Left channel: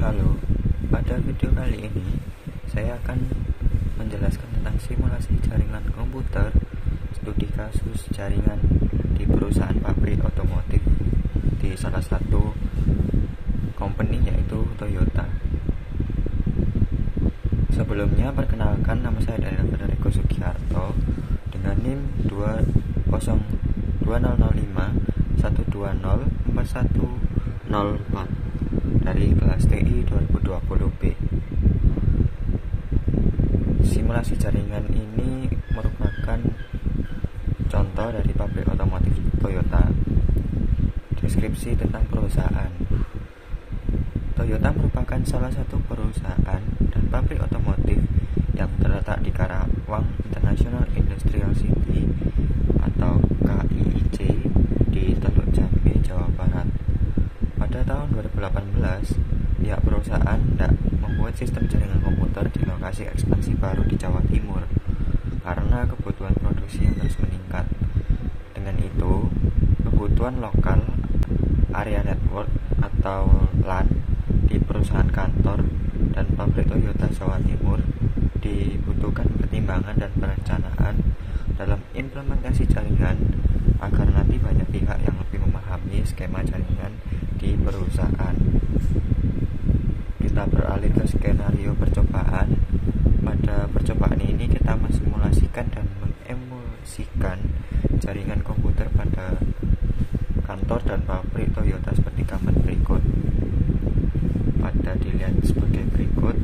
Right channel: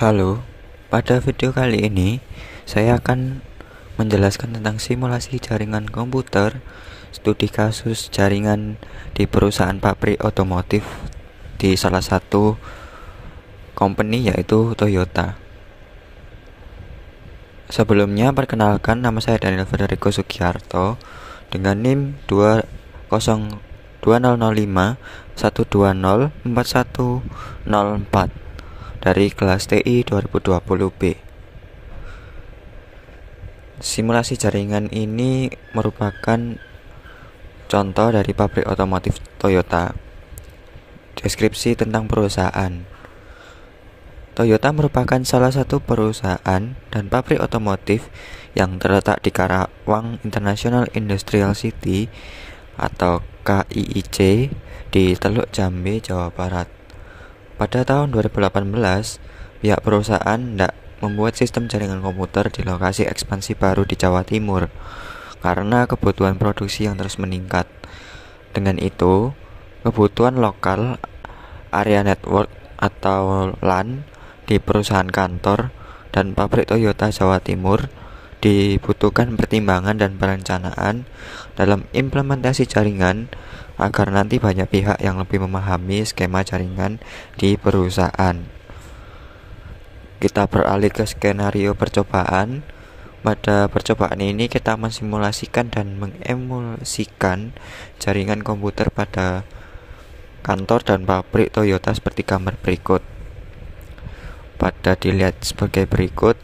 Halo, pada video kali ini saya akan menjelaskan tentang simulasi jaringan komputer, studi kasus jaringan di perusahaan pabrik otomotif di salah satu company yaitu Toyota. Sebelumnya perkenalkan, nama saya Daniel Federico Sugiarto dengan NIM 20051204104104 dari kelas TI 2020B. Simulasi jaringan ini merupakan contoh dari pabrik otomotif Toyota. Deskripsi tentang perusahaan. Toyota merupakan salah satu perusahaan dan pabrik otomotif yang terletak di Karawang International Industrial City atau KIIC di Teluk Jambe, Jawa Barat. Pada tahun 2018, pihak perusahaan hendak membuat sistem jaringan komputer di lokasi ekspansi baru di Jawa Timur karena kebutuhan produksi yang terus meningkat. Dengan itu, kebutuhan lokal area network atau LAN di perusahaan kantor dan pabrik Toyota Jawa Timur dibutuhkan pertimbangan dan perencanaan dalam implementasi jaringan agar nanti banyak pihak yang lebih memahami skema jaringan di perusahaan. Kita beralih ke skenario percobaan. Pada percobaan ini kita mensimulasikan dan mengemulsikan jaringan komputer pada kantor dan pabrik Toyota seperti gambar berikut. Pada dilihat sebagai berikut,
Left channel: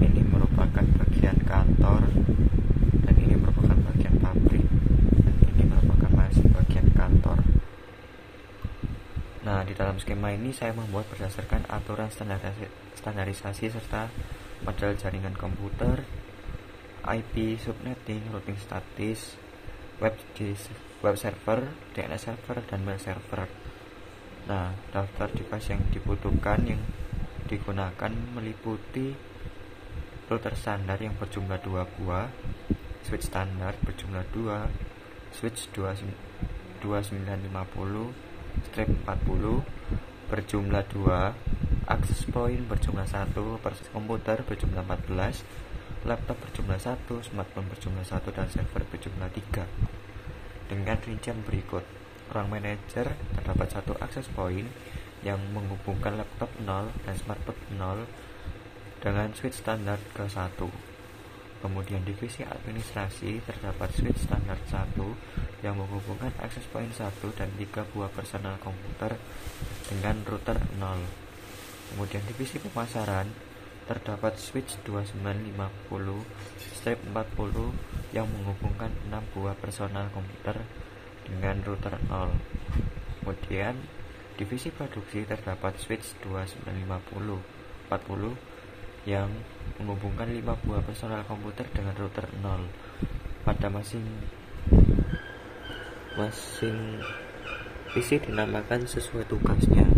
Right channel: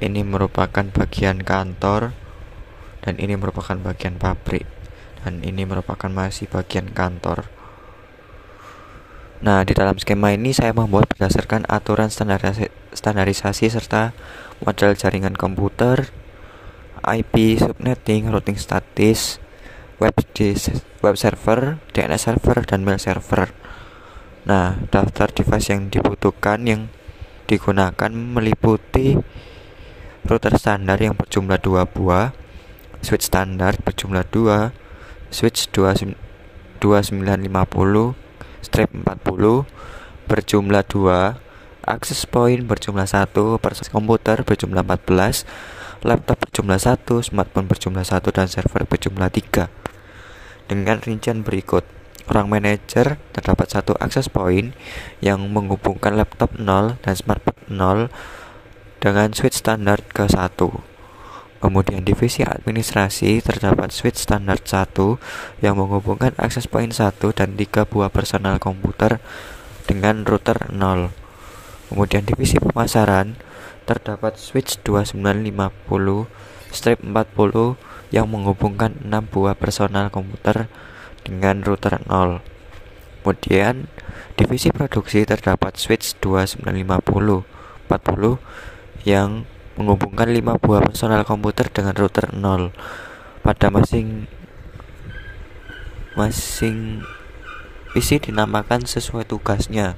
ini merupakan bagian kantor dan ini merupakan bagian pabrik dan ini merupakan masih bagian kantor. Nah, di dalam skema ini saya membuat berdasarkan aturan standarisasi serta model jaringan komputer, IP subnetting, routing statis, web server, DNS server, dan mail server. Nah, daftar device yang dibutuhkan yang digunakan meliputi router standar yang berjumlah 2 buah, switch standar berjumlah 2, switch 2950/40 berjumlah 2, access point berjumlah 1, persis komputer berjumlah 14, laptop berjumlah 1, smartphone berjumlah 1, dan server berjumlah 3. Dengan rincian berikut. Ruang manajer terdapat 1 access point yang menghubungkan laptop 0 dan smartphone 0 dengan switch standar ke 1. Kemudian divisi administrasi terdapat switch standar 1 yang menghubungkan access point 1 dan 3 buah personal komputer dengan router 0. Kemudian divisi pemasaran terdapat switch 2950/40 yang menghubungkan 6 buah personal komputer dengan router 0. Kemudian divisi produksi terdapat switch 2950/40 yang menghubungkan 5 buah personal komputer dengan router 0. Pada masing isi dinamakan sesuai tugasnya,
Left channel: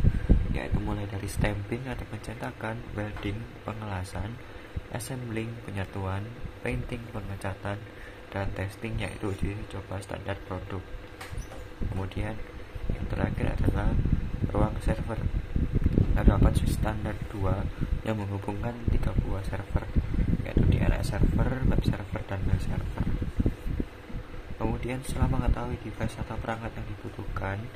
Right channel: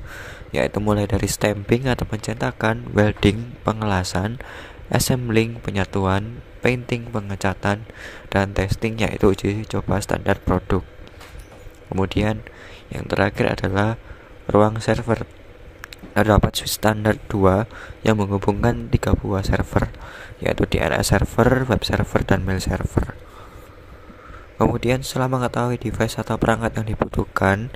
yaitu mulai dari stamping atau pencetakan, welding, pengelasan, assembling, penyatuan, painting, pengecatan, dan testing, yaitu uji coba standar produk. Kemudian yang terakhir adalah ruang server. Terdapat switch standar 2 yang menghubungkan 3 buah server, yaitu DNS server, web server, dan mail server. Kemudian setelah mengetahui device atau perangkat yang dibutuhkan,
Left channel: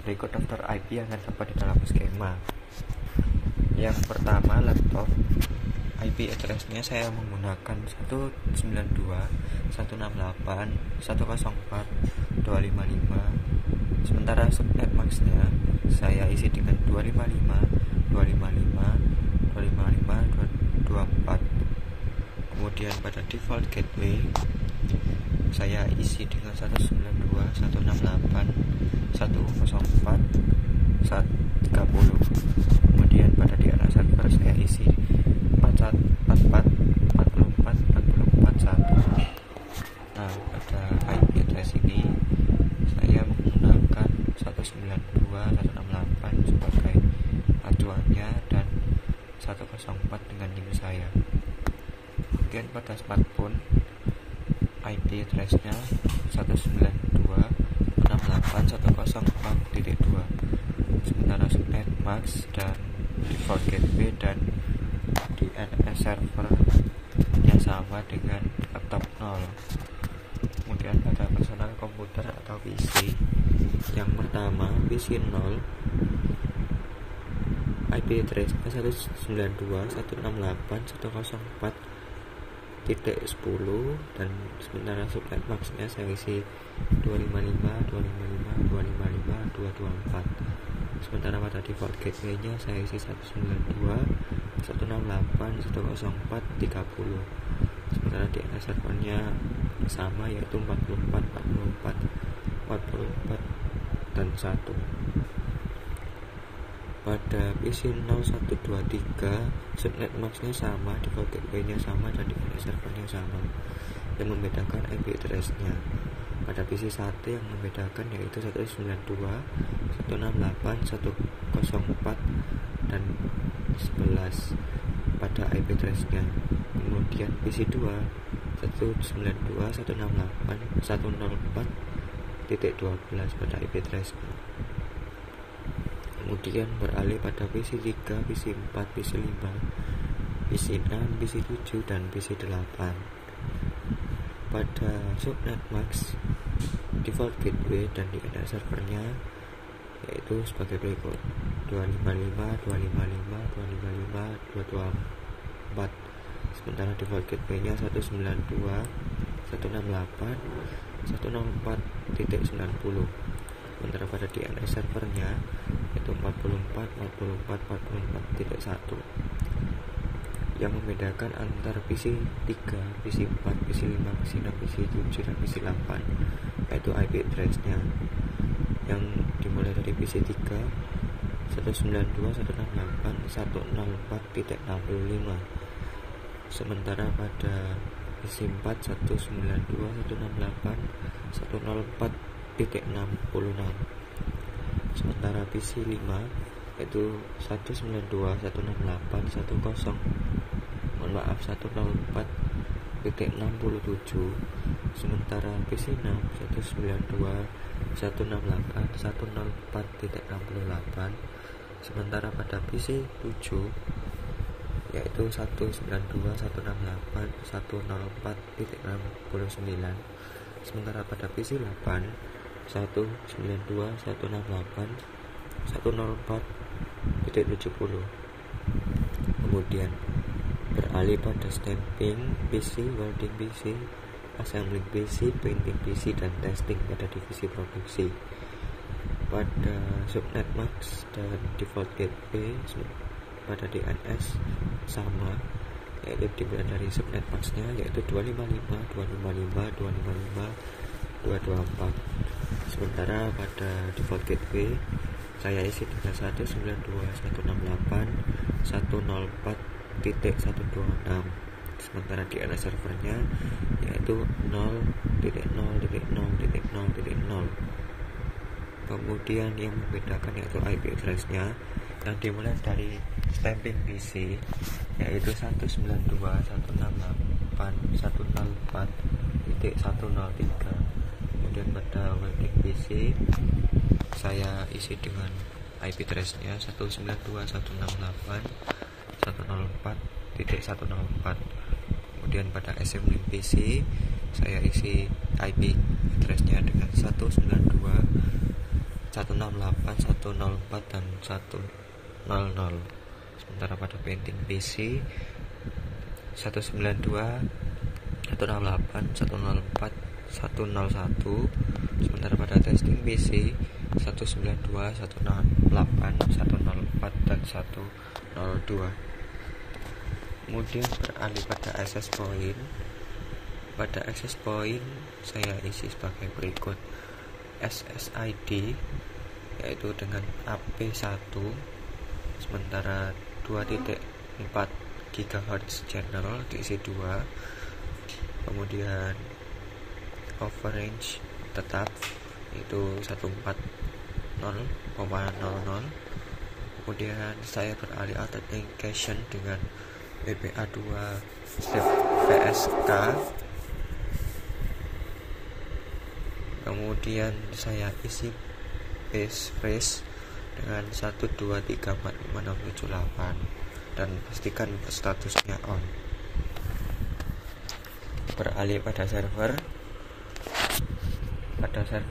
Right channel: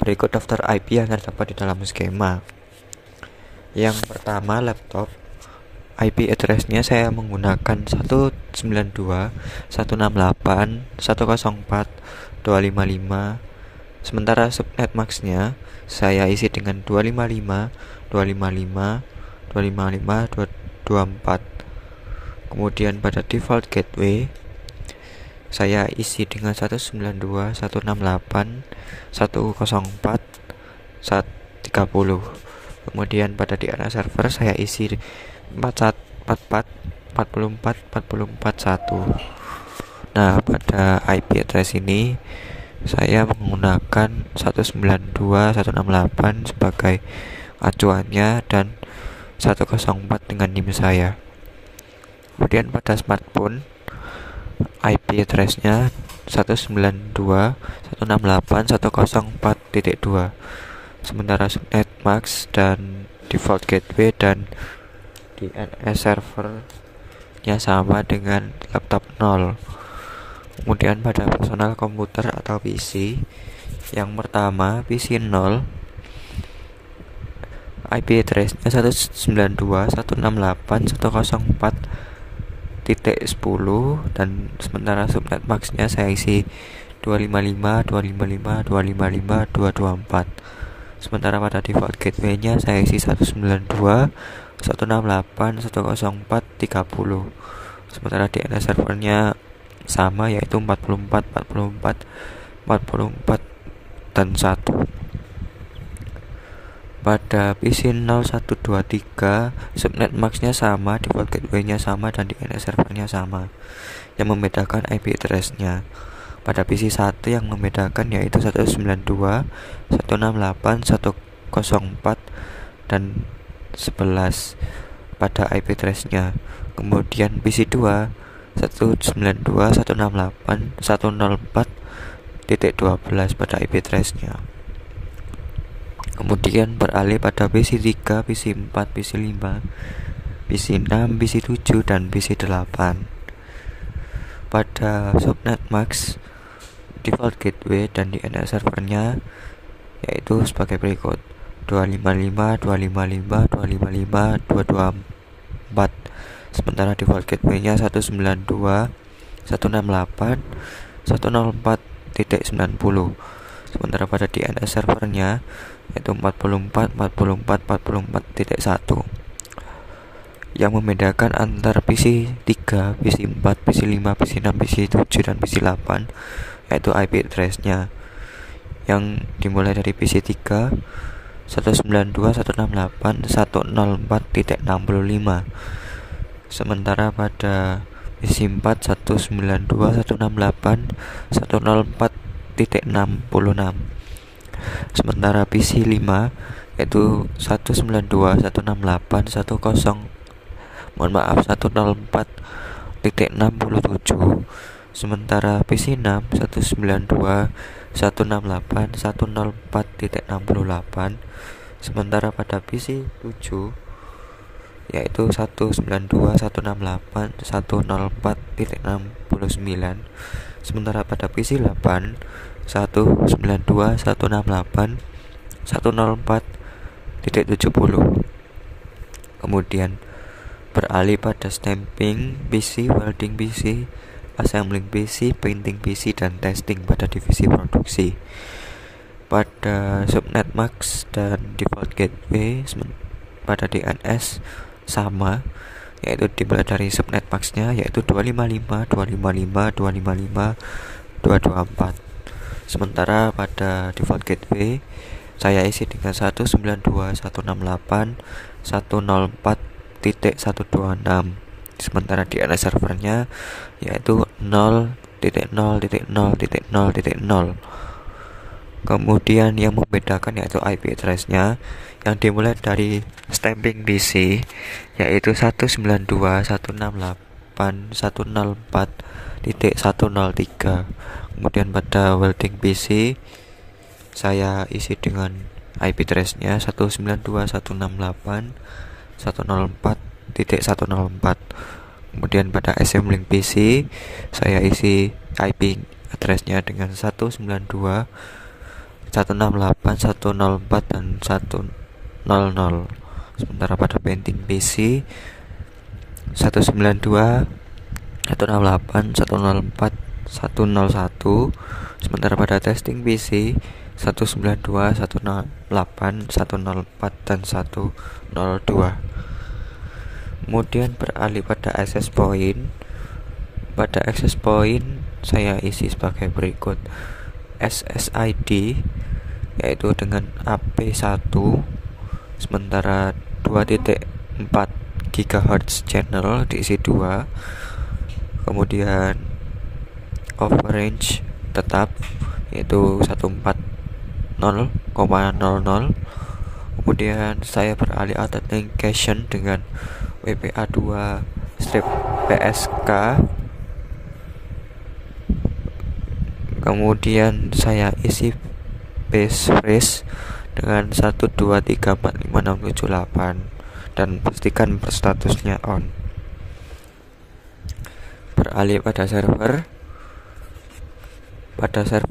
berikut daftar IP yang terdapat di dalam skema. Yang pertama, laptop. IP address-nya saya menggunakan 192.168.104.255. Sementara subnet max-nya saya isi dengan 255.255.255.224. Kemudian pada default gateway saya isi dengan 192.168.104.130. Kemudian pada DNS server saya isi 44.44.44.1. Nah, pada IP address ini saya menggunakan 192.168 sebagai acuannya dan 104 dengan NIM saya. Kemudian pada smartphone IP address-nya 192.168.104.2. Sementara subnet max dan default gateway dan DNS servernya sama dengan laptop 0. Kemudian pada personal komputer atau PC, yang pertama PC 0, IP address-nya 192.168.104.10 dan sementara subnet max-nya saya isi 255.255.255.224. Sementara pada default gateway-nya saya isi 192.168.104.30. Sementara DNS servernya sama, yaitu 44, 44, 44 dan 1. Pada PC 0123 subnet max-nya sama, default gateway-nya sama, dan DNS servernya sama. Yang membedakan IP address-nya. Pada PC 1 yang membedakan yaitu 192.168.104 dan 11 pada IP address-nya. Kemudian PC 2 192.168.104.12 pada IP address-nya. Kemudian beralih pada PC 3, PC 4, PC 5, PC 6, PC 7, dan PC 8. Pada subnet max, default gateway dan DNS servernya yaitu sebagai berikut: 255.255.255.224. Sementara default gateway-nya 192.168.104.90. Sementara pada DNS servernya yaitu 44.44.44.1. Yang membedakan antara PC 3, PC 4, PC 5, PC 6, PC 7, dan PC 8 yaitu IP address-nya, yang dimulai dari PC 3 192.168.104.65. Sementara pada PC 4 192.168.104.66. Sementara PC 5 yaitu 104.67. Sementara PC 6 192.168.104.68. Sementara pada PC 7 yaitu 192.168.104.69. Sementara pada PC 8 192.168.104.70. Kemudian beralih pada stamping PC, welding PC, assembling PC, painting PC, dan testing pada divisi produksi. Pada subnet max dan default gateway pada DNS sama, yaitu dimulai dari subnet max-nya yaitu 255.255.255.224. Sementara pada default gateway saya isi dengan 192.168.104.126. Sementara DNS servernya yaitu 0.0.0.0.0. Kemudian yang membedakan yaitu IP address-nya, yang dimulai dari stamping PC yaitu 192.168.104.103. Kemudian pada welding PC saya isi dengan IP address-nya 192.168.104.104. Kemudian pada assembling PC saya isi IP address-nya dengan 192.168.104 dan 100. Sementara pada painting PC 192.168.104.101. Sementara pada testing PC 192.168.104 dan 102. Kemudian beralih pada access point. Pada access point saya isi sebagai berikut: SSID yaitu dengan AP1, sementara 2.4 GHz channel diisi 2. Kemudian overrange tetap yaitu 140,00. Kemudian saya beralih authentication dengan WPA2/PSK. Kemudian saya isi passphrase dengan 1234567 dan pastikan statusnya on. Beralih pada server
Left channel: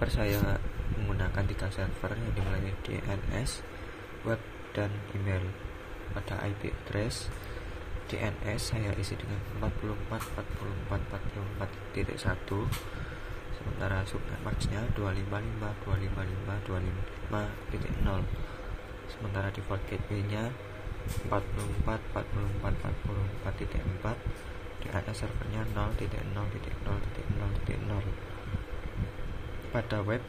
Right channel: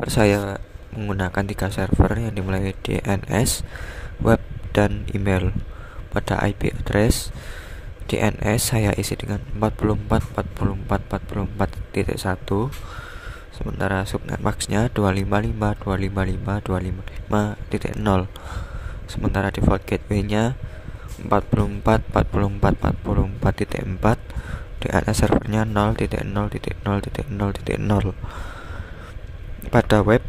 saya menggunakan 3 server yang dimulai DNS, web, dan email. Pada IP address DNS saya isi dengan 44.44.44.1, sementara subnet maxnya 255.255.255.0, sementara default gateway-nya 44.44.44.4. DNS servernya 0.0.0.0.0. Pada web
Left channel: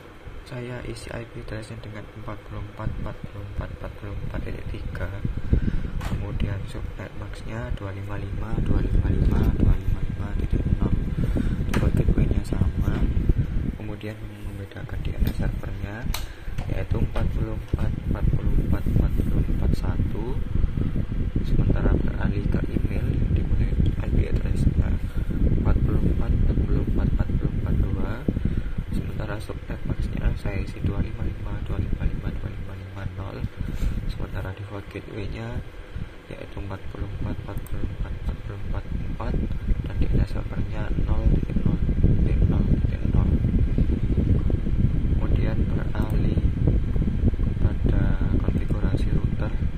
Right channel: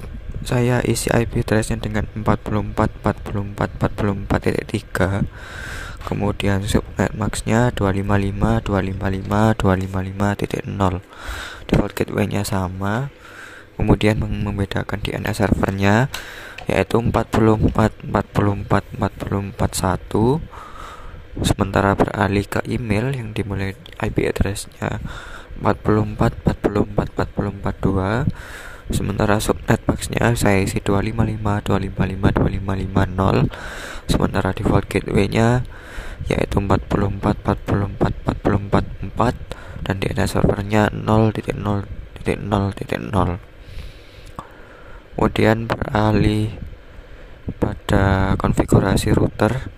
saya isi IP address-nya dengan 44.44.44.3, kemudian subnet maxnya 255.255.255.0. Default gateway-nya sama, kemudian membedakan DNS servernya yaitu 44.44.44.1, sementara beralih ke email yang dimulai IP address-nya 44.44.44.42, sementara subnet maxnya saya isi 255.255.255.0, sementara default gateway-nya yaitu 44.44.44.4 dan DNS servernya 0.0.0.0. Kemudian beralih pada konfigurasi router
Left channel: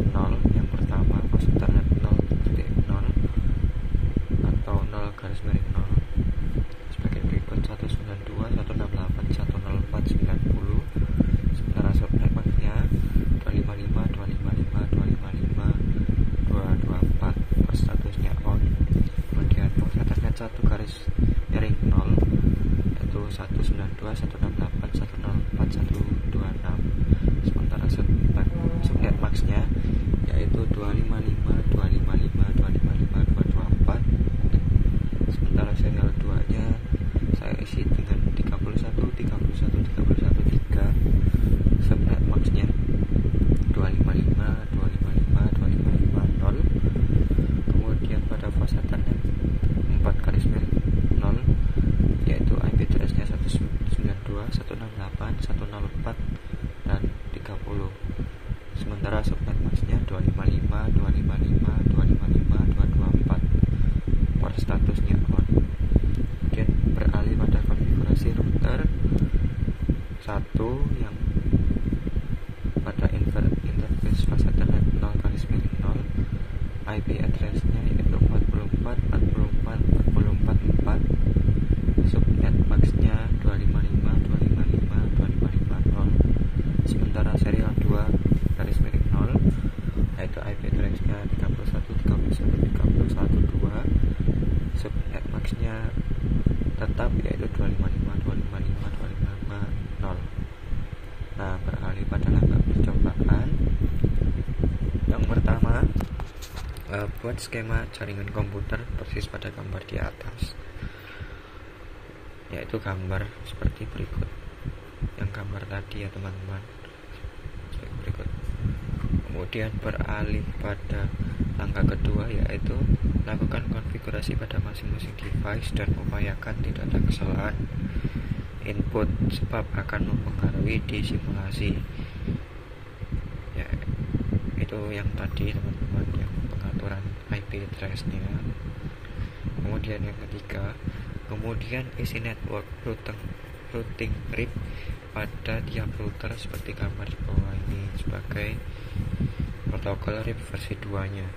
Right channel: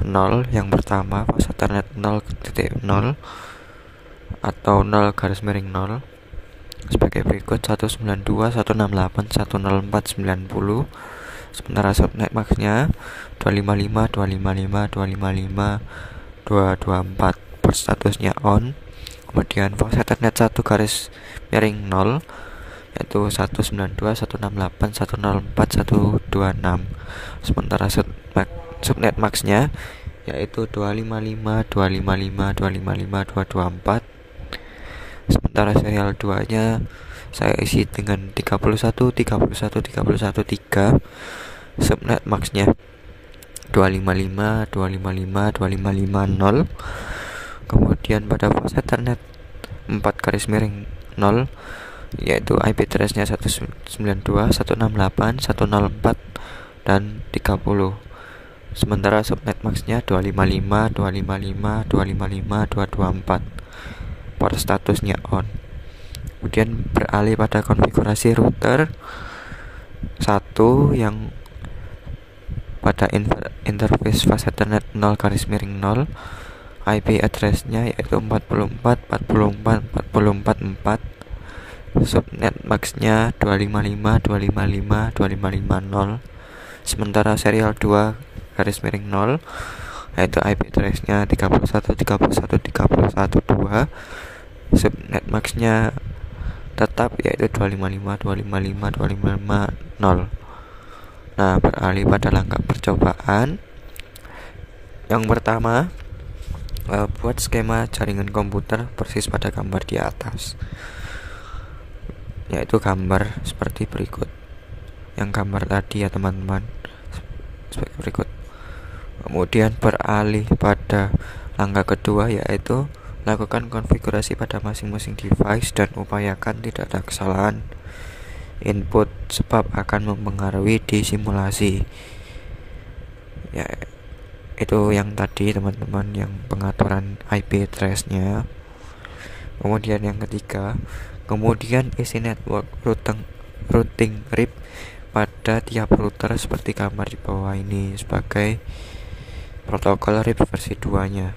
0. Yang pertama, pos Ethernet 0.0 atau 0 sebagai berikut: 192.168.104.90, sementara subnet maxnya 255.255.255.224, port statusnya on. Kemudian pos Ethernet 1 yaitu 192.168.104.126, sementara subnet maxnya yaitu 255.255.255.224, sementara serial 2 nya saya isi dengan 31.31.31.3, subnet maxnya 255.255.255.0. Kemudian pada pos Ethernet 4/0 yaitu IP address-nya 192.168.104 dan 30, sementara subnet maxnya 255.254, port statusnya on. Kemudian beralih pada konfigurasi router 1 yang pada interface fast Ethernet 0/0, IP address-nya yaitu 44.44.44.4, subnet maxnya 255.255.255.0, sementara serial 2/0 yaitu IP address-nya 31.31.31.2, subnet maxnya tetap yaitu 255.255.255.0. Nah, beralih pada langkah percobaan. Yang pertama, buat skema jaringan komputer persis pada gambar di atas, yaitu gambar seperti berikut. Yang gambar tadi ya teman-teman, seperti berikut. Kemudian beralih pada langkah kedua, yaitu lakukan konfigurasi pada masing-masing device dan upayakan tidak ada kesalahan input sebab akan mempengaruhi di simulasi. Ya, itu yang tadi teman-teman, yang pengaturan IP address-nya. Kemudian yang ketiga, kemudian isi network routing RIP pada tiap router seperti gambar di bawah ini sebagai protokol RIP versi 2 nya,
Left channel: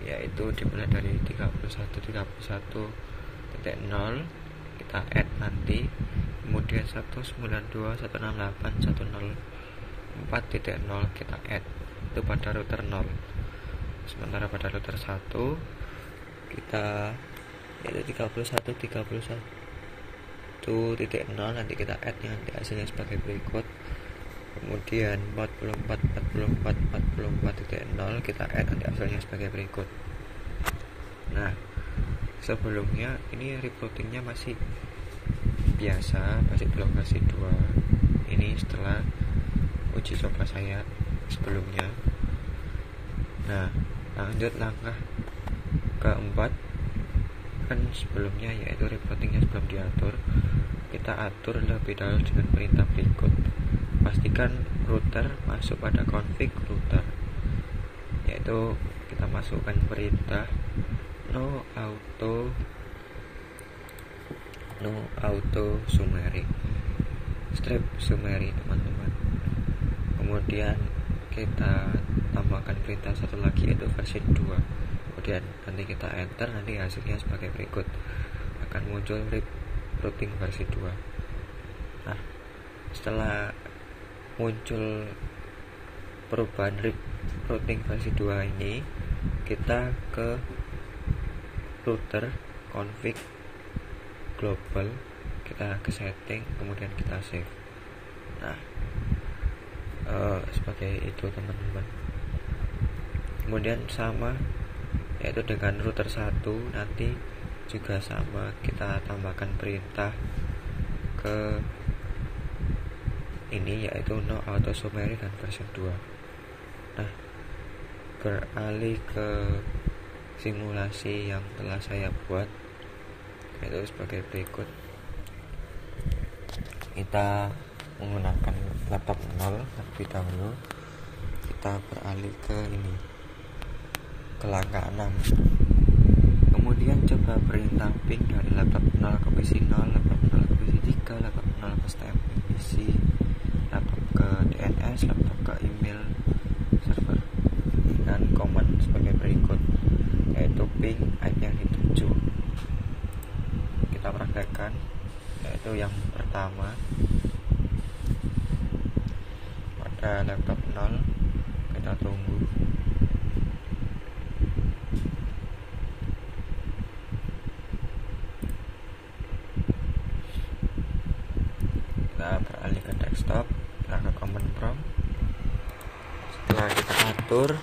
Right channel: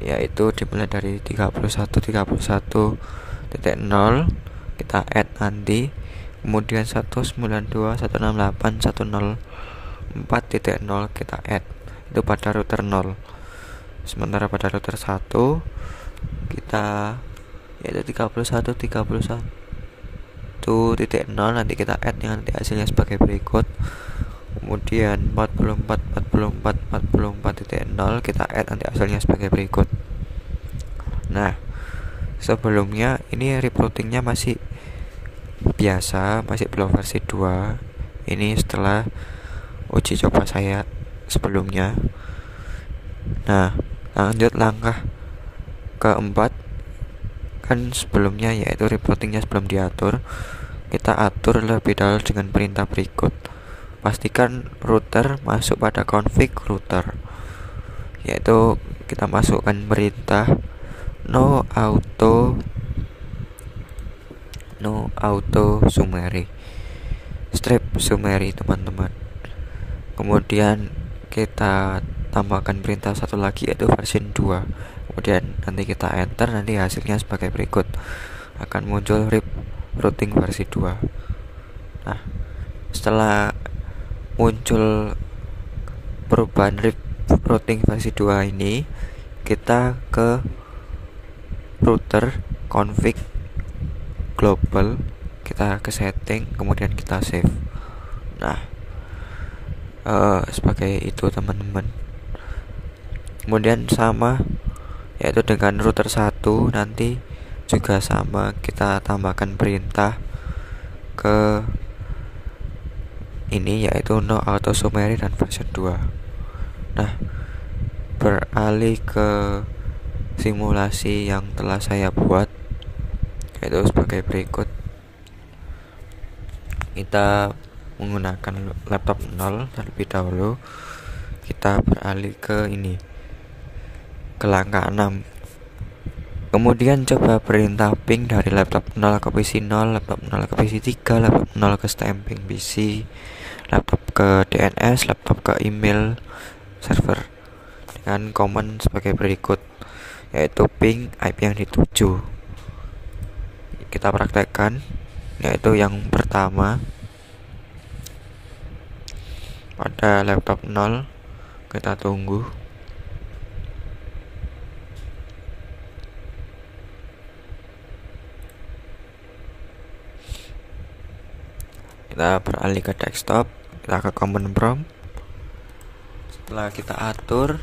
yaitu dimulai dari 31.31.0 kita add nanti, kemudian 192.168.104.0 kita add, itu pada router 0. Sementara pada router 1 kita yaitu 31.31.0 nanti kita add nanti hasilnya sebagai berikut. Kemudian 44.44.44.0 kita add nanti hasilnya sebagai berikut. Nah, sebelumnya ini routingnya masih biasa, masih belum versi 2. Ini setelah uji coba saya sebelumnya. Nah, lanjut langkah keempat, kan sebelumnya yaitu routingnya sebelum diatur, kita atur lebih dahulu dengan perintah berikut. pastikan router masuk pada config router, yaitu kita masukkan perintah no auto summary strip summary teman-teman. Kemudian kita tambahkan perintah satu lagi yaitu version 2. Kemudian nanti kita enter, nanti hasilnya sebagai berikut, akan muncul RIP routing versi 2. Nah, setelah muncul perubahan RIP routing versi 2 ini, kita ke router config global, kita ke setting, kemudian kita save. Nah, sebagai itu teman-teman. Kemudian sama, yaitu dengan router 1 nanti juga sama, kita tambahkan perintah ke ini yaitu no auto summary dan version 2. Nah, beralih ke simulasi yang telah saya buat, yaitu sebagai berikut. Kita menggunakan laptop 0 terlebih dahulu. Kita beralih ke ini, ke langkah 6. Kemudian coba perintah ping dari laptop 0 ke PC 0, laptop 0 ke PC 3, laptop 0 ke stamping PC, laptop ke DNS, laptop ke email server, dengan command sebagai berikut, yaitu ping IP yang dituju. Kita praktekkan, yaitu yang pertama pada laptop 0, kita tunggu. Kita beralih ke desktop, kita ke command prompt. Setelah kita atur,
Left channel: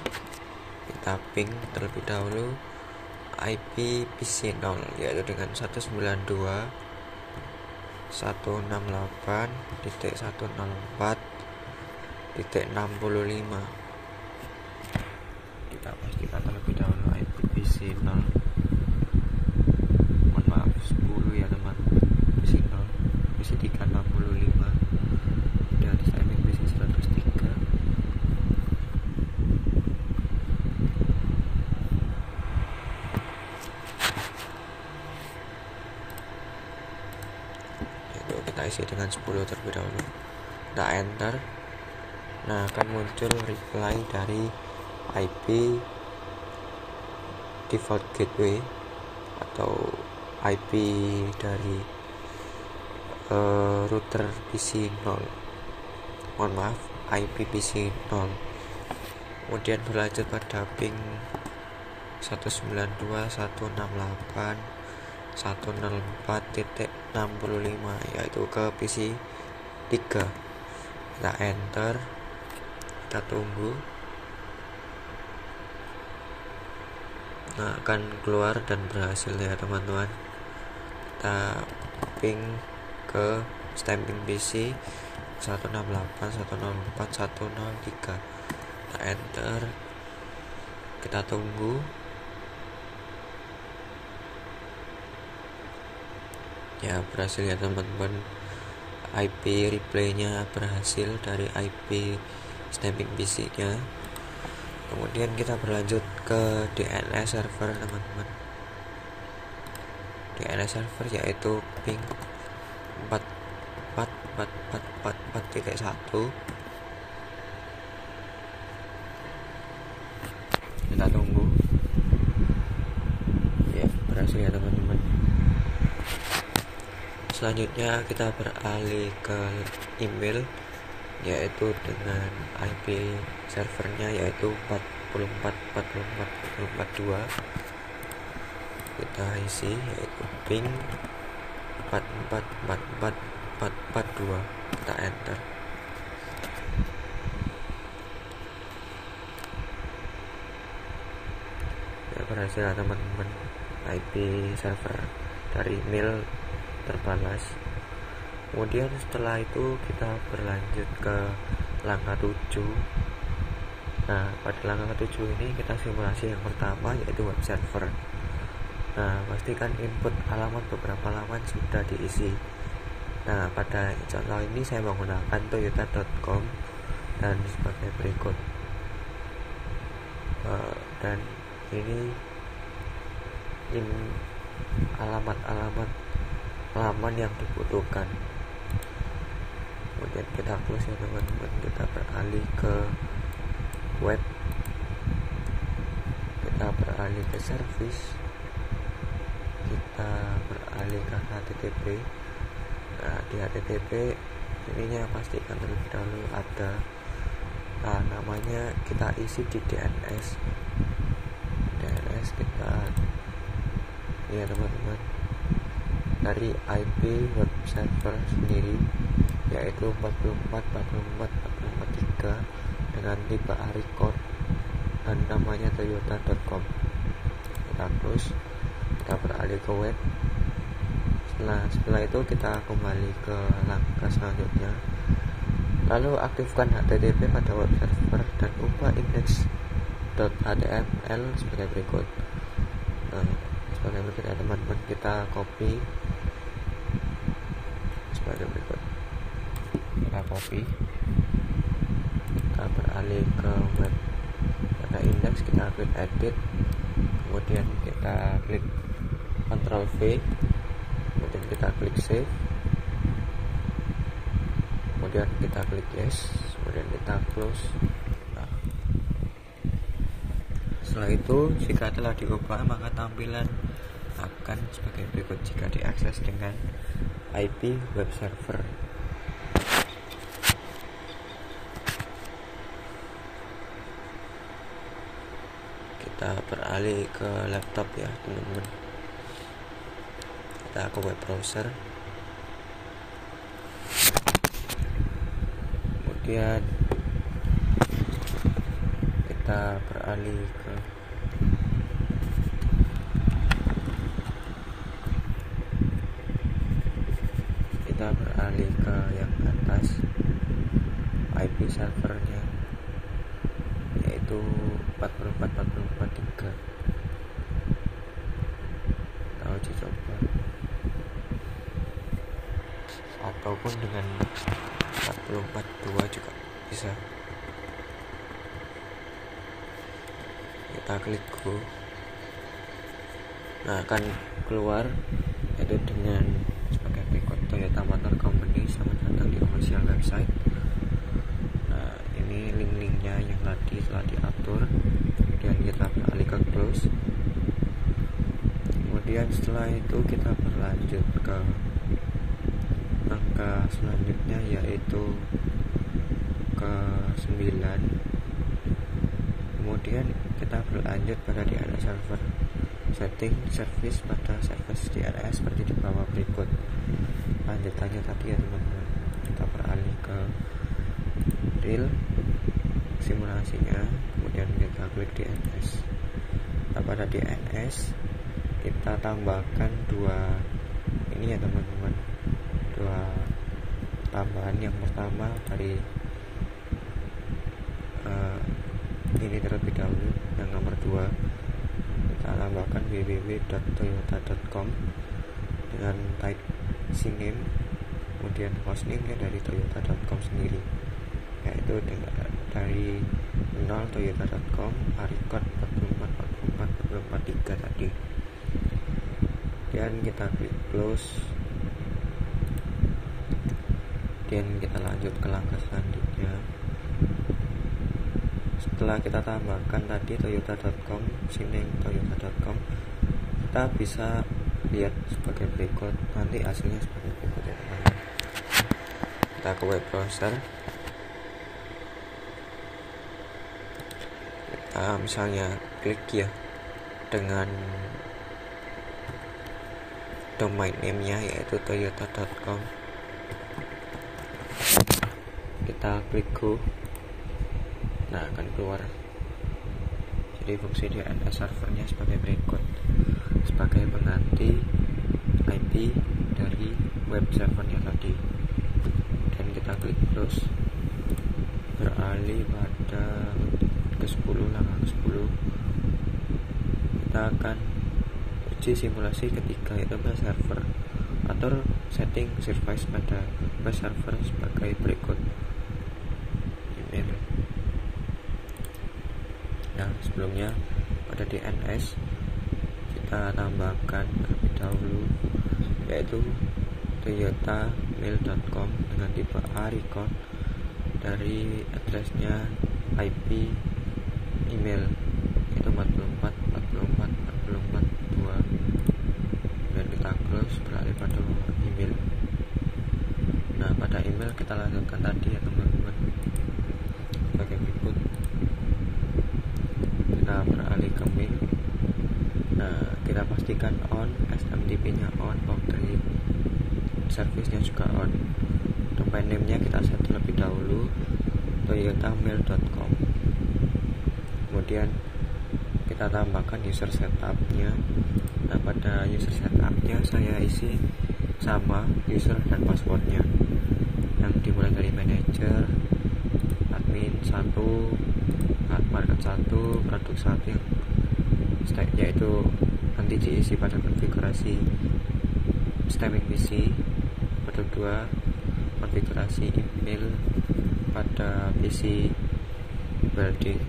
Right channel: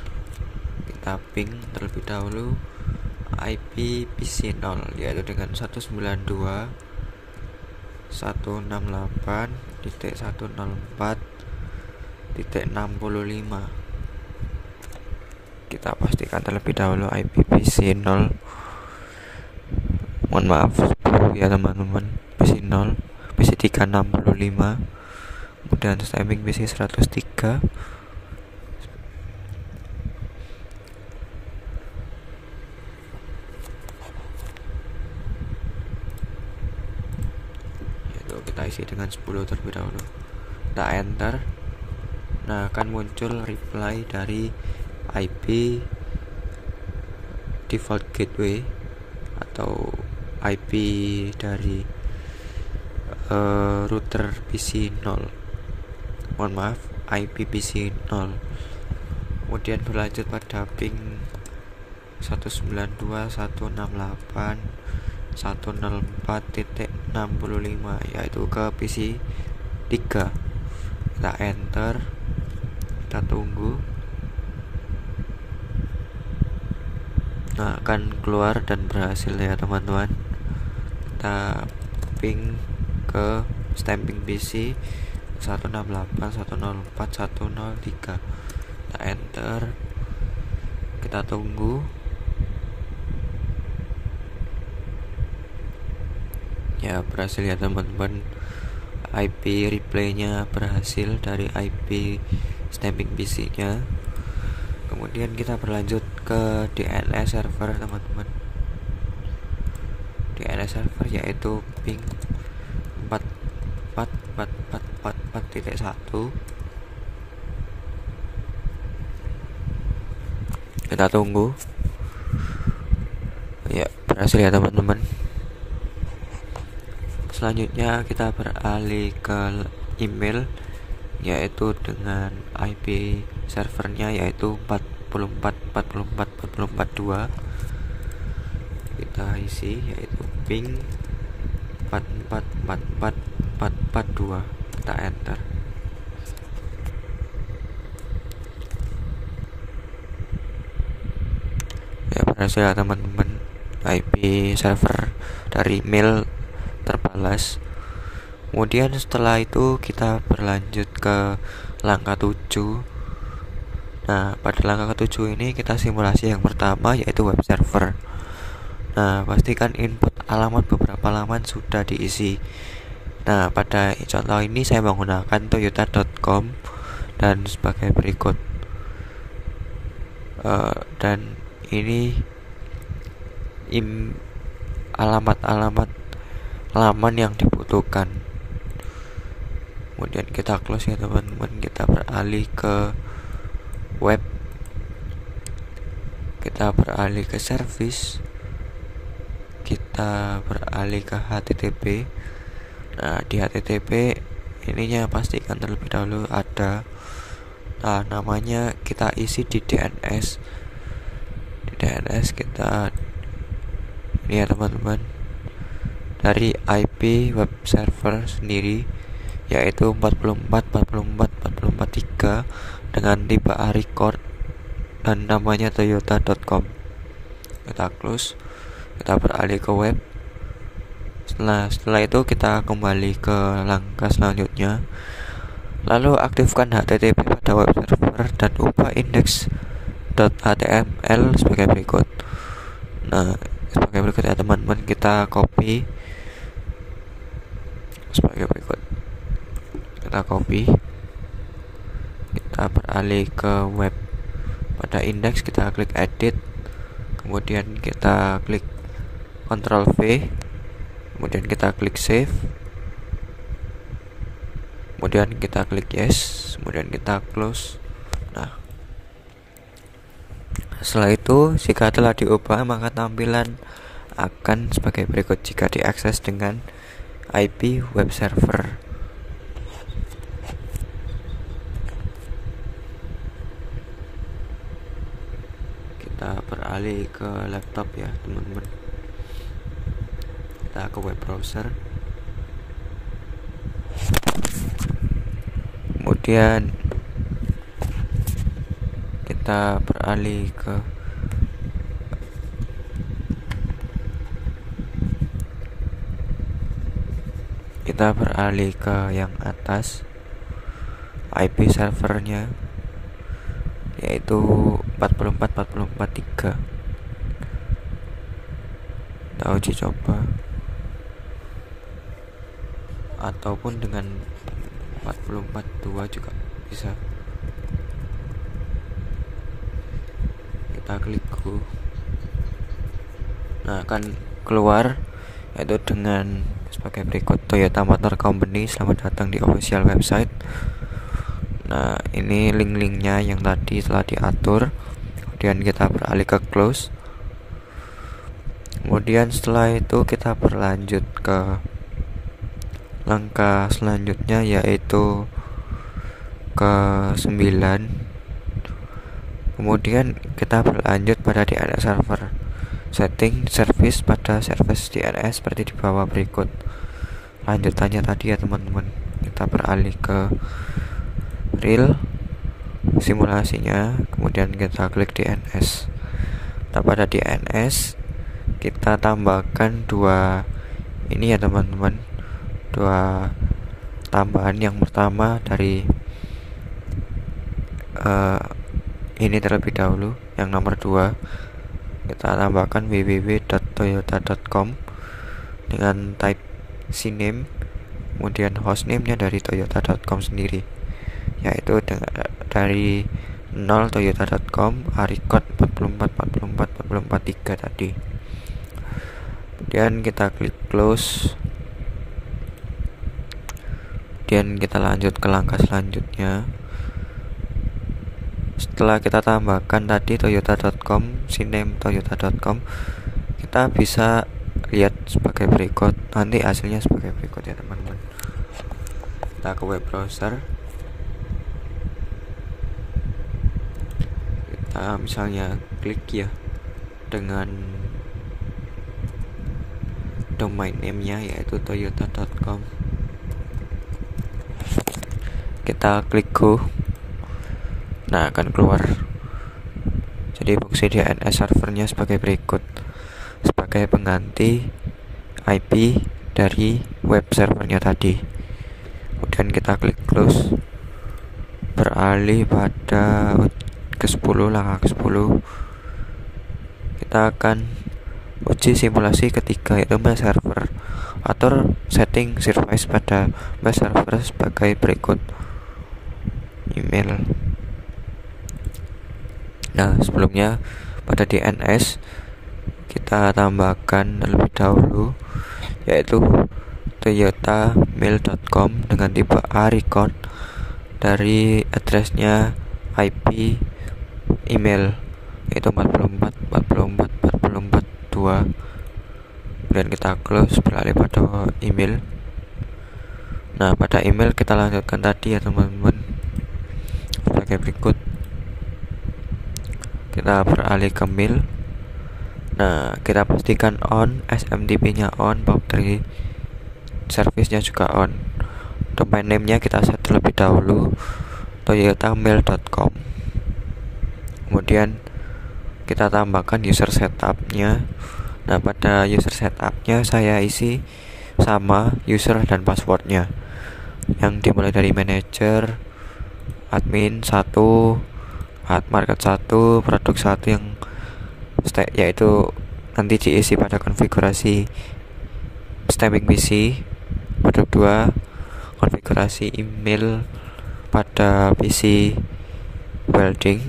kita ping terlebih dahulu IP PC 0, yaitu dengan 192.168.104.65. Kita pastikan terlebih dahulu IP PC 0. Mohon maaf ya teman-teman, PC 0, PC 365, kemudian stemming PC 103. Yaitu kita isi dengan 10 terlebih dahulu. Kita enter. Nah, akan muncul reply dari IP default gateway atau IP dari router PC 0. Mohon maaf, IP PC 0. Kemudian berlanjut pada ping 192.168.104.65, yaitu ke PC 3. Kita enter, kita tunggu. Nah, akan keluar dan berhasil ya teman-teman. Kita ping ke stamping PC 168.104.103. Kita enter, kita tunggu. Ya, berhasil ya teman-teman. IP replaynya berhasil dari IP stamping PC nya. Kemudian kita berlanjut ke DNS server teman-teman. DNS server yaitu ping 4.4.4.4.1. Kita tunggu. Ya, berhasil ya teman-teman. Selanjutnya kita beralih ke email, yaitu dengan IP servernya yaitu 44.44.44.2. Kita isi yaitu ping 44.44.44.2. Kita enter. Ya, berhasil ya teman-teman. IP server dari mail terbalas. Kemudian setelah itu kita berlanjut ke langkah 7. Nah, pada langkah ke-7 ini kita simulasi yang pertama yaitu web server. Nah, pastikan input alamat beberapa laman sudah diisi. Nah, pada contoh ini saya menggunakan toyota.com dan sebagai berikut. Dan ini alamat-alamat laman yang dibutuhkan. Kemudian kita close ya teman-teman, kita beralih ke web, kita beralih ke service, kita beralih ke HTTP. Nah, di HTTP ininya pastikan terlebih dahulu ada namanya, kita isi di DNS. Di DNS kita ini ya teman-teman, dari IP web server sendiri yaitu 44.44.44.3 dengan tipe A record dan namanya toyota.com. Kita close, kita beralih ke web. Setelah itu kita kembali ke langkah selanjutnya, lalu aktifkan HTTP pada web server dan ubah index.html sebagai berikut. Nah, sebagai berikut ya teman-teman, kita copy sebagai berikut. Kita copy, kita beralih ke web, pada index kita klik edit, kemudian kita klik Ctrl V, kemudian kita klik save, kemudian kita klik yes, kemudian kita close. Nah, setelah itu jika telah diubah maka tampilan akan sebagai berikut jika diakses dengan IP web server. Kita beralih ke laptop ya teman-teman, kita ke web browser, kemudian kita beralih ke yang atas, IP servernya yaitu 44.44.3. Kita uji coba, ataupun dengan 44.2 juga bisa. Kita klik go. Nah, akan keluar yaitu dengan sebagai berikut: Toyota Motor Company, selamat datang di official website. Nah, ini link-linknya yang tadi telah diatur. Kemudian kita beralih ke close. Kemudian setelah itu kita berlanjut ke langkah selanjutnya yaitu ke 9. Kemudian kita berlanjut pada DNS server. Setting service pada service DNS seperti di bawah berikut. Lanjutannya tadi ya teman-teman. Kita beralih ke real simulasinya, kemudian kita klik DNS. Pada DNS kita tambahkan dua ini ya teman-teman, dua tambahan. Yang pertama dari ini terlebih dahulu, yang nomor 2 kita tambahkan www.toyota.com dengan type cname, kemudian hostname nya dari toyota.com sendiri yaitu dari 0 toyota.com record 44.44.44.3 tadi. Kemudian kita klik close, kemudian kita lanjut ke langkah selanjutnya. Setelah kita tambahkan tadi toyota.com, cname toyota.com, kita bisa lihat sebagai berikut, nanti hasilnya sebagai berikut ya teman-teman. Kita ke web browser, kita misalnya klik ya dengan domain name-nya yaitu toyota.com, kita klik go. Nah, akan keluar jadi fungsi DNS servernya sebagai berikut, sebagai pengganti IP dari web servernya tadi. Kemudian kita klik close, beralih pada ke-10, langkah ke-10. Kita akan uji simulasi ketiga yaitu server Atur setting service pada web server sebagai berikut. Email. Nah, sebelumnya pada DNS kita tambahkan terlebih dahulu, yaitu toyotamail.com dengan tipe A record dari addressnya IP email, yaitu 44 44 44 2. Kemudian kita close, beralih pada email. Nah, pada email kita lanjutkan tadi ya teman-teman, sebagai berikut. Kita beralih ke mail. Nah, kita pastikan on, SMTP-nya on, boundary service-nya juga on. Domain name-nya kita set terlebih dahulu, toyotamail.com. Kemudian kita tambahkan user setup-nya. Nah, pada user setup-nya saya isi sama user dan password-nya, yang dimulai dari manager, admin 1, market 1, produk 1, yang yaitu nanti diisi pada konfigurasi stemming PC. Produk 2, konfigurasi email pada PC welding.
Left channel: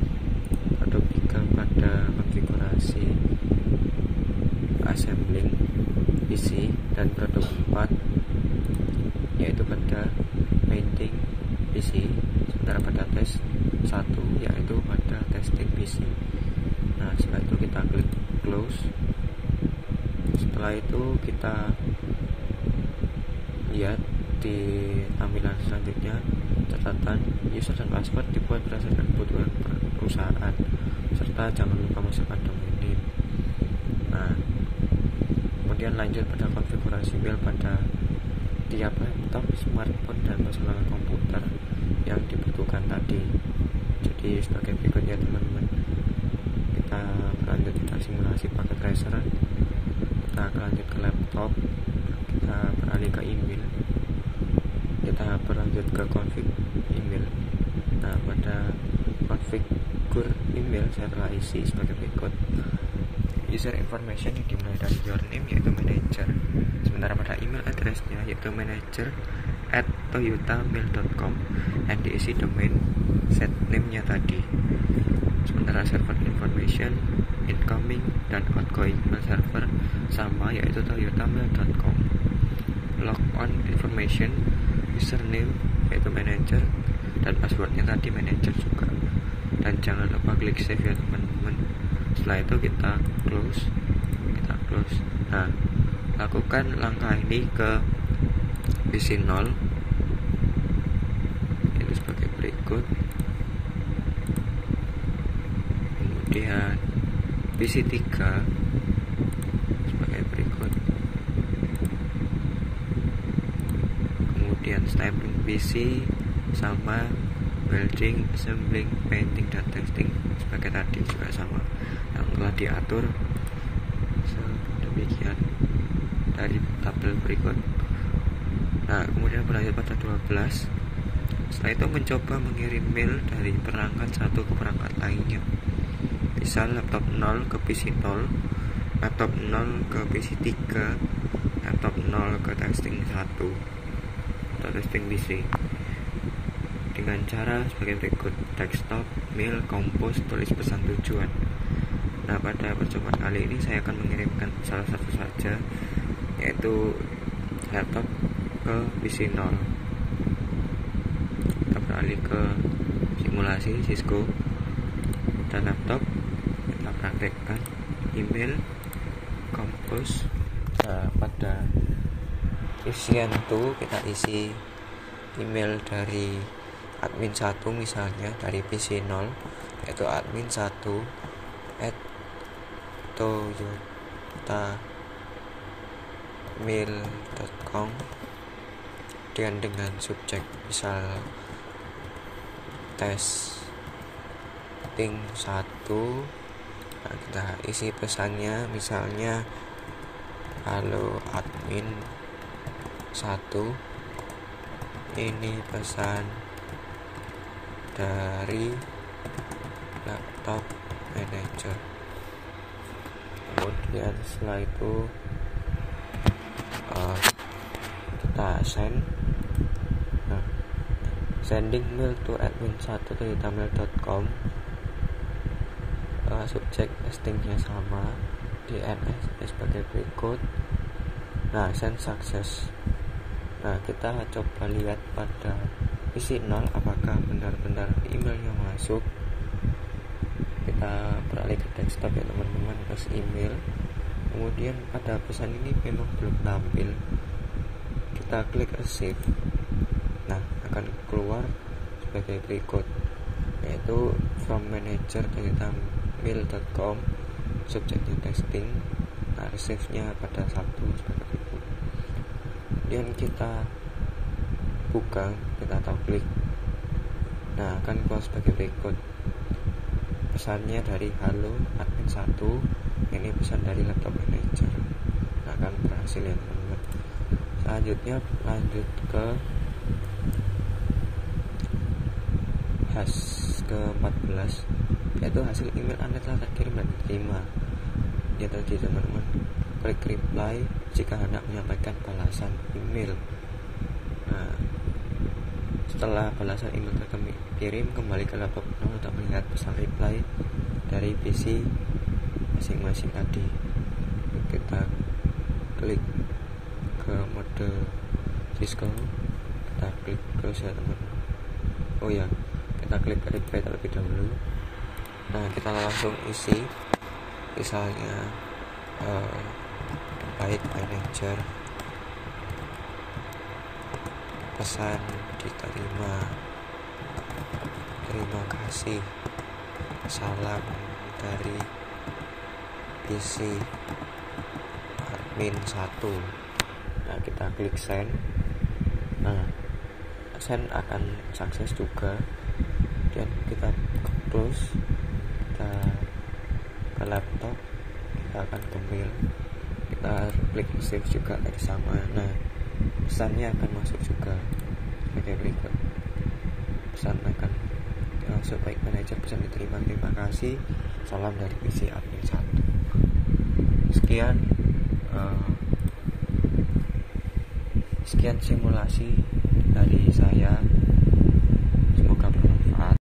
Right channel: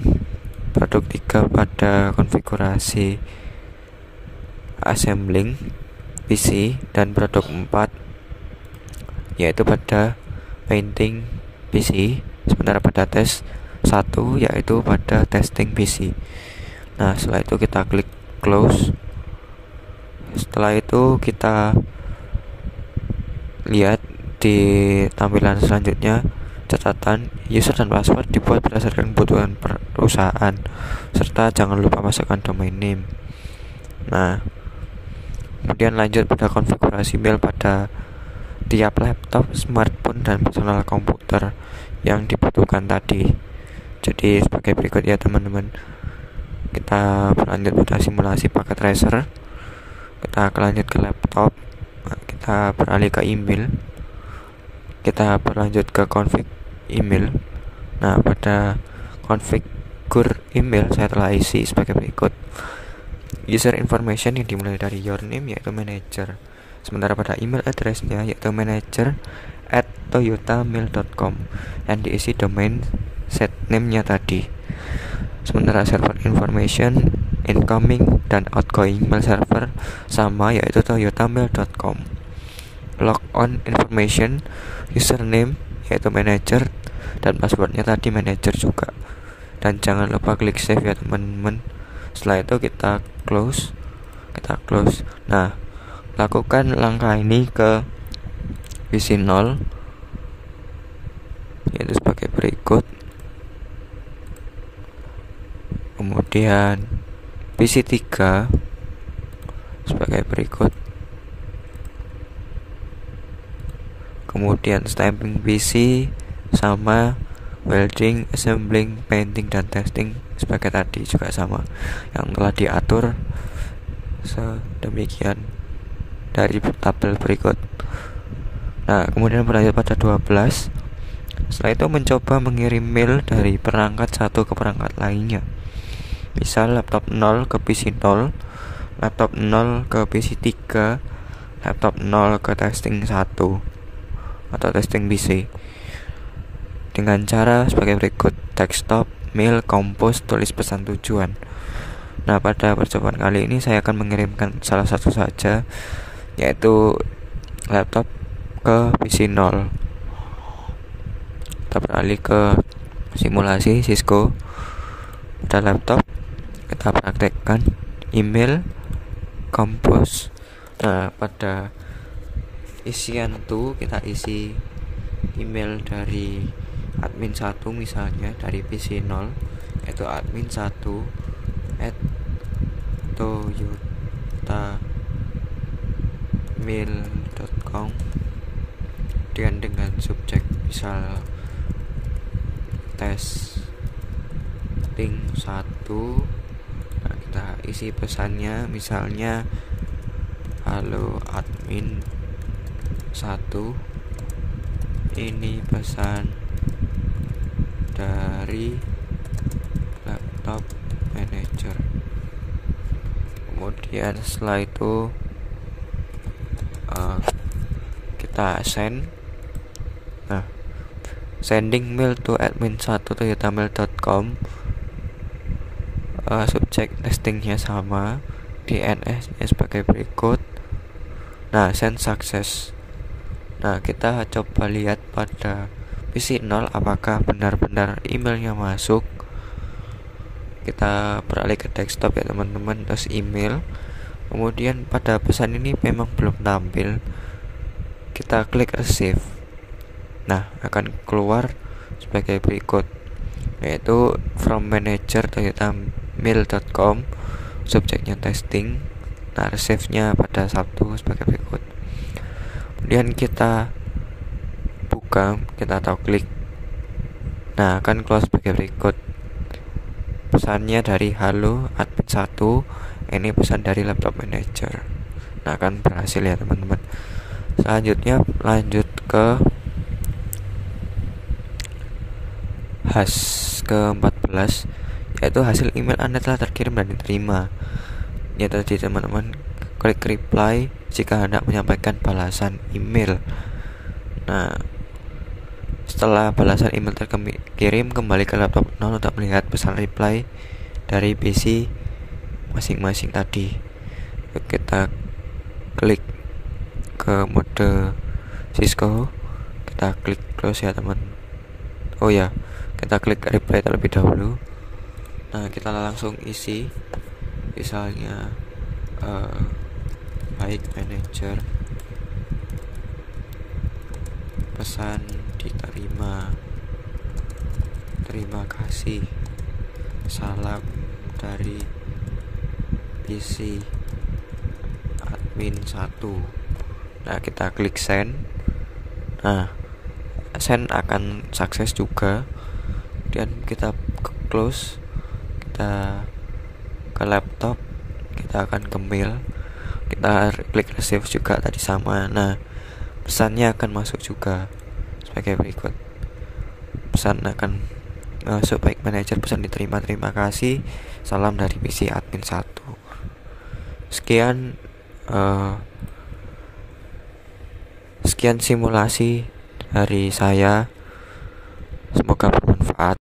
Produk 3 pada konfigurasi assembling PC. Dan produk 4 yaitu pada painting PC. Sementara pada tes 1 yaitu pada testing PC. Nah, setelah itu kita klik close. Setelah itu kita lihat di tampilan selanjutnya, catatan user dan password dibuat berdasarkan kebutuhan perusahaan, serta jangan lupa masukkan domain name. Nah, kemudian lanjut pada konfigurasi mail pada tiap laptop, smartphone, dan personal komputer yang dibutuhkan tadi. Jadi sebagai berikut ya teman-teman. Kita berlanjut pada simulasi paket tracer. Kita lanjut ke laptop. Kita beralih ke email. Kita berlanjut ke config email. Nah, pada configure email saya telah isi sebagai berikut. User information yang dimulai dari your name yaitu manager. Sementara pada email address-nya yaitu manager@toyotamail.com yang diisi domain set name-nya tadi. Sementara server information, incoming dan outgoing mail server sama, yaitu toyotamail.com. Logon information, username yaitu manager, dan passwordnya tadi manager juga. Dan jangan lupa klik save ya teman-teman. Setelah itu kita close. Nah, lakukan langkah ini ke PC 0, yaitu sebagai berikut. Kemudian PC 3 sebagai berikut. Kemudian stamping PC sama welding, assembling, painting, dan testing sebagai tadi juga sama, yang telah diatur sedemikian dari tabel berikut. Nah, kemudian berlanjut pada 12. Setelah itu mencoba mengirim mail dari perangkat satu ke perangkat lainnya. Misal laptop 0 ke PC 0, laptop 0 ke PC 3, laptop 0 ke testing 1 atau testing PC, dengan cara sebagai berikut: desktop, mail, compose, tulis pesan tujuan. Nah, pada percobaan kali ini saya akan mengirimkan salah satu saja, yaitu laptop ke PC 0. Kita beralih ke simulasi Cisco. Pada laptop kita praktekkan email, compose. Nah, pada isian tuh kita isi email dari admin 1, misalnya dari PC 0, yaitu admin1@toyotamail.com dengan subjek misal testing 1. Nah, kita isi pesannya misalnya, halo admin 1, ini pesan dari laptop manager. Kemudian setelah itu kita send. Nah, sending mail to admin1toyotamail.com. Subjek testingnya sama, DNS sebagai berikut. Nah, send success. Nah, kita coba lihat pada PC 0 apakah benar-benar emailnya masuk. Kita beralih ke desktop ya teman-teman, terus email. Kemudian pada pesan ini memang belum tampil. Kita klik receive. Nah, akan keluar sebagai berikut, yaitu from manager toyotamail.com, subjeknya testing. Nah, receive-nya pada Sabtu sebagai berikut. Kemudian kita buka, kita tahu klik. Nah, akan keluar sebagai berikut. Pesannya dari halo admin 1, ini pesan dari laptop manager. Nah, akan berhasil ya teman-teman. Selanjutnya lanjut ke ke-14, yaitu hasil email Anda telah terkirim dan diterima. Ya tadi teman-teman, klik reply jika hendak menyampaikan balasan email. Nah, setelah balasan email terkirim, kembali ke laptop 0 untuk melihat pesan reply dari PC masing-masing tadi. Kita klik ke mode Cisco, kita klik close ya teman. Oh ya, kita klik reply terlebih dahulu. Nah, kita langsung isi, misalnya baik manager, pesan diterima, terima kasih, salam dari PC admin 1. Nah, kita klik send. Nah, send akan sukses juga. Kemudian kita close, kita ke laptop, kita akan ke mail, kita klik receive juga tadi sama. Nah, pesannya akan masuk juga sebagai berikut. Pesan akan masuk, baik manajer, pesan diterima, terima kasih, salam dari PC admin 1. Sekian simulasi dari saya, semoga bermanfaat.